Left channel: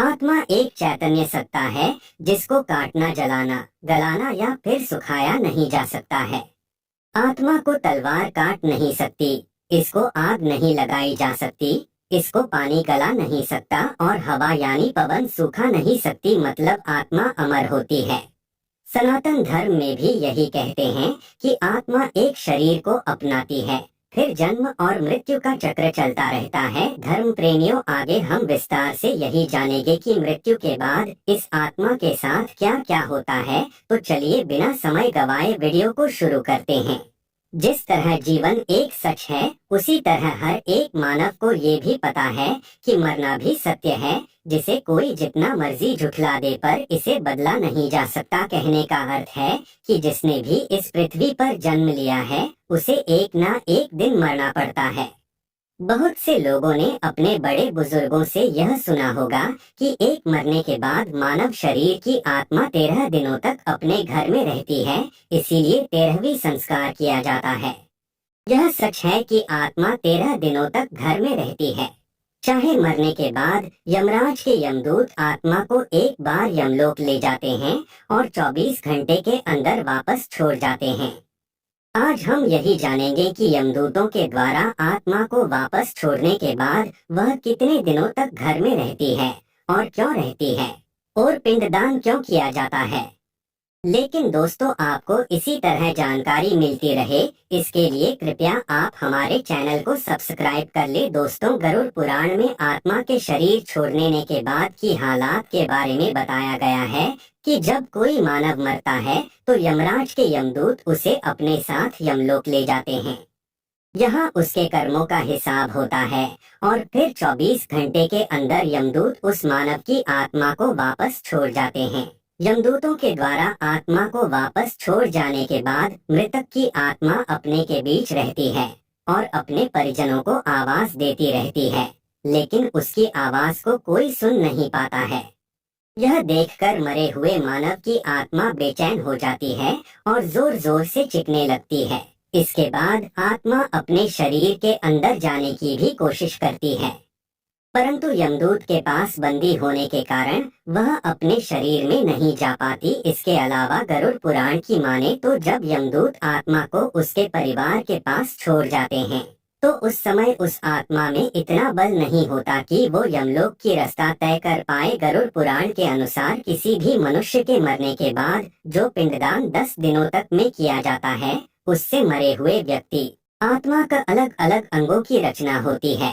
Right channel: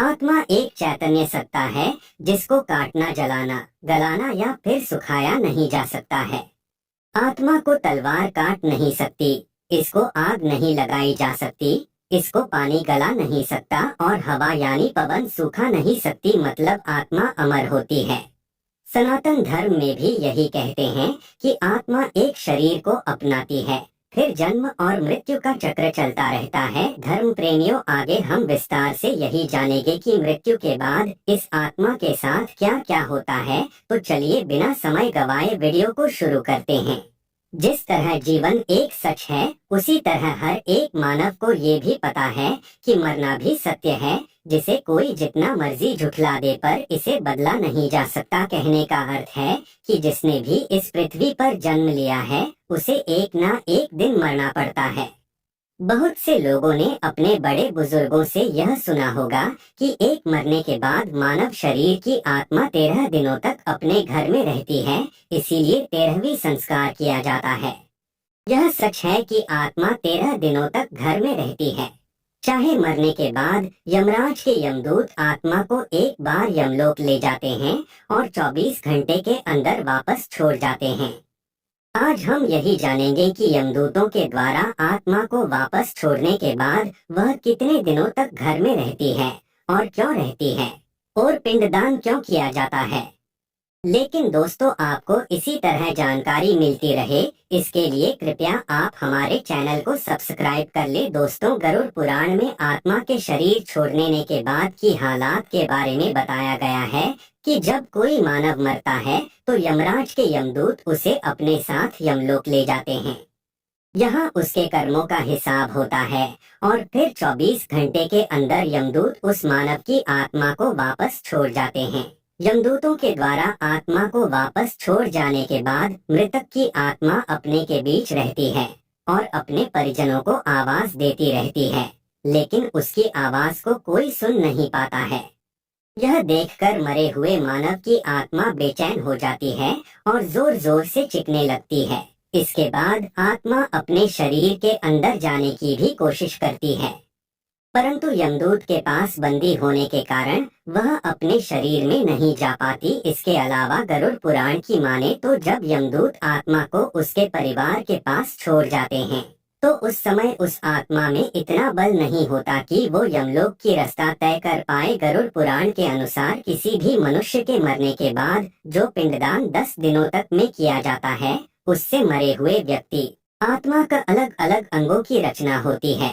आत्मा एक चैतन्य सत्ता है जिसको काटना, जलाना, गलाना या फिर सुखाया नहीं जा सकता है। आत्मा को तलवार काट नहीं सकती, इसको आग नहीं लगाई जा सकती, इसको पानी गला नहीं सकता और हवा यानी पवन सूखा नहीं सकती, मतलब आत्मा अमर होती है। सनातन धर्म में भी यही कहते हैं कि आत्मा एक शरीर को अपनाती है, फिर जन्म और मृत्यु का चक्र चलता रहता है। धर्म प्रेमियों, आगे हम विस्तार से यही जानेंगे कि मृत्यु के बाद इस आत्मा के साथ क्या क्या होता है। तो चलिए बिना समय गवाए वीडियो को शुरू करते हैं। जिस तरह जीवन एक सच है, उसी तरह हर एक मानव को ये भी पता है कि मरना भी सत्य है, जिसे कोई जितना मर्जी झुठला दे पर इसे बदला नहीं जा सकता। कहने का अर्थ है कि जिसने भी इस पृथ्वी पर जन्म लिया है, उसे एक ना एक दिन मरना पड़ता है। बहुत से लोगों ने अपने बड़े बुजुर्गों से यह सुना होगा कि एक मरने के बाद मानव शरीर की आत्मा 13 दिनों तक अपने घर में रहती है, इसीलिए 13वीं संस्कार किया जाता है। यह सच है कि आत्मा 13 दिनों तक घर में रहती है। चाहे मरने के बाद यमराज के यमदूत आत्मा को एक बार यमलोक ले जाते हैं और 24 घंटे के अंदर वापस छोड़ जाते हैं। आज हम यही जानेंगे कि यमदूतों के द्वारा आत्मा को वापस छोड़ने के बाद वह कितने दिनों तक घर में रहती है और क्यों रहती है, और पिंडदान क्यों किया जाता है। लेकिन दोस्तों, आपको इसी तरह जानकारी मिलती रहे, इसके लिए कृपया आप हमारे चैनल को सब्सक्राइब कर ले। दोस्तों, गरुड़ पुराण में आत्मा के शरीर छोड़ने के बाद की हालात के बारे में बताया गया है कि जब कोई मानव मरता है तो यमराज के यमदूत उसे अपने साथ यमलोक ले जाते हैं। यहाँ उसके कर्मों का हिसाब होता है और फिर 24 घंटे के अंदर यमदूत उस मानव की आत्मा को वापस छोड़ जाते हैं। यमदूतों के द्वारा आत्मा को वापस छोड़ जाने के बाद मृतक की आत्मा अपने के बीच रहती है और अपने परिजनों को आवाज देती रहती है, लेकिन उसकी आवाज को कोई सुन नहीं पाता है। यह देखकर मरे हुए मानव की आत्मा बेचैन हो जाती है और जोर जोर से चीखने लगती है। इसके बाद आत्मा अपने शरीर के अंदर जाने की भी कोशिश करती है, परंतु यमदूत के पास बंदी होने के कारण वह अपने शरीर में नहीं जा पाती। इसके अलावा गरुड़ पुराण की माने तो जब यमदूत आत्मा को उसके परिवार के पास छोड़ जाते हैं, तो उस समय उस आत्मा में इतना बल नहीं होता कि वो यमलोक की रास्ता तय कर पाए। गरुड़ पुराण के अनुसार किसी भी मनुष्य के मरने के बाद जो पिंडदान 10 दिनों तक में किया जाता है, उससे मरे हुए व्यक्ति आत्मा का अलग अलग अंगों की रचना होती है,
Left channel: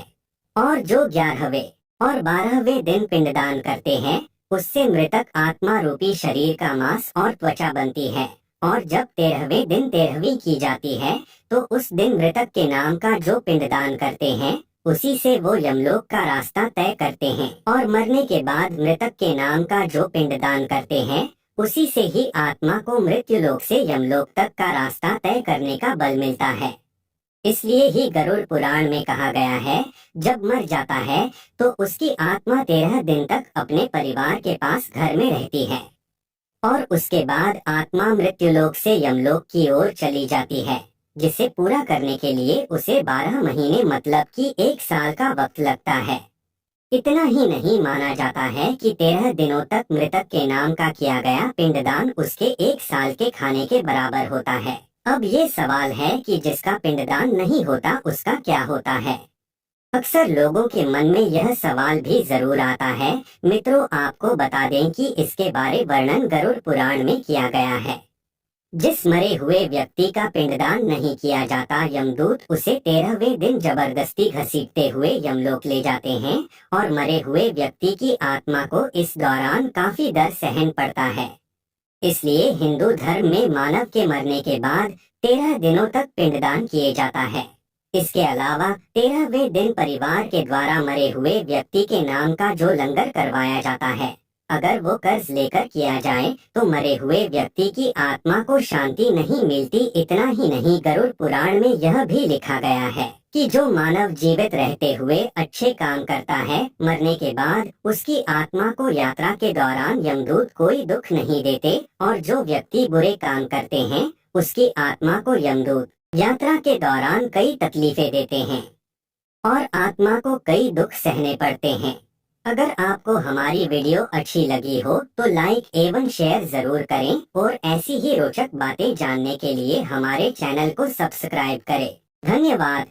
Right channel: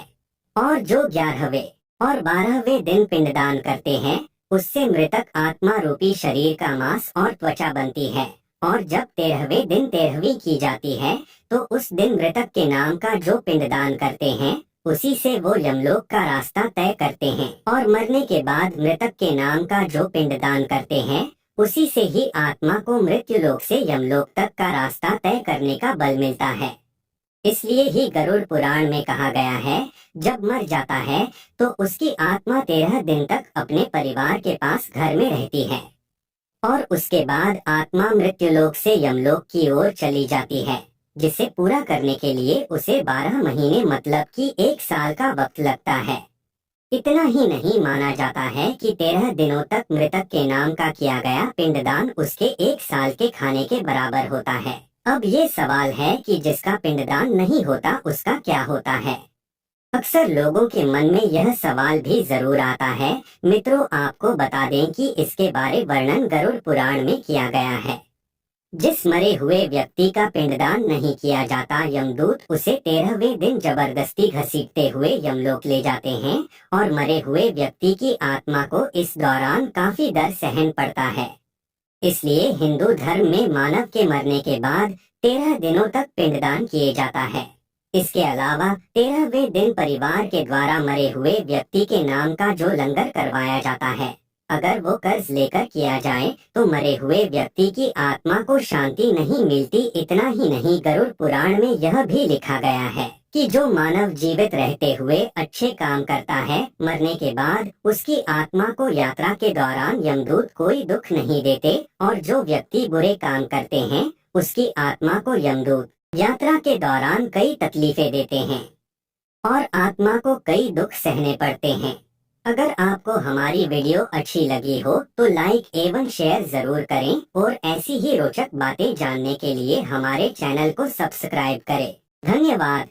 और जो 11वें और 12वें दिन पिंडदान करते हैं, उससे मृतक आत्मा रूपी शरीर का मांस और त्वचा बनती है। और जब 13वें दिन 13वीं की जाती है, तो उस दिन मृतक के नाम का जो पिंडदान करते हैं, उसी से वो यमलोक का रास्ता तय करते हैं। और मरने के बाद मृतक के नाम का जो पिंडदान करते हैं, उसी से ही आत्मा को मृत्यु लोक से यमलोक तक का रास्ता तय करने का बल मिलता है। इसलिए ही गरुड़ पुराण में कहा गया है, जब मर जाता है तो उसकी आत्मा 13 दिन तक अपने परिवार के पास घर में रहती है और उसके बाद आत्मा मृत्युलोक से यमलोक की ओर चली जाती है, जिसे पूरा करने के लिए उसे 12 महीने मतलब कि 1 साल का वक्त लगता है। इतना ही नहीं, माना जाता है कि 13 दिनों तक मृतक के नाम का किया गया पिंडदान उसके 1 साल के खाने के बराबर होता है। अब ये सवाल है कि जिसका पिंडदान नहीं होता उसका क्या होता है। अक्सर लोगों के मन में यह सवाल भी जरूर आता है। मित्रों, आपको बता दें कि इसके बारे वर्णन गरुड़ पुराण में किया गया है। जिस मरे हुए व्यक्ति का पिंडदान नहीं किया जाता, यमदूत उसे 13वें दिन जबरदस्ती घसीटते हुए यमलोक ले जाते हैं और मरे हुए व्यक्ति की आत्मा को इस दौरान काफी दर्द सहन पड़ता है। इसलिए हिंदू धर्म में मानव के मरने के बाद 13 दिनों तक पिंडदान किए जाता है। इसके अलावा 13वें दिन परिवार के द्वारा मरे हुए व्यक्ति के नाम का जो लंगर करवाया जाता है, अगर वो कर्ज लेकर किया जाए तो मरे हुए व्यक्ति की आत्मा को शांति नहीं मिलती। इतना ही नहीं, गरुड़ पुराण में यह भी लिखा गया है कि जो मानव जीवित रहते हुए अच्छे काम करता है, मरने के बाद उसकी आत्मा को यात्रा के दौरान यमदूत कोई दुख नहीं देते, और जो व्यक्ति बुरे काम करते हैं उसकी आत्मा को यमदूत यात्रा के दौरान कई तकलीफें देते हैं और आत्मा को कई दुख सहने पड़ते हैं। अगर आपको हमारी वीडियो अच्छी लगी हो तो लाइक एवं शेयर जरूर करें और ऐसी ही रोचक बातें जानने के लिए हमारे चैनल को सब्सक्राइब करें। धन्यवाद।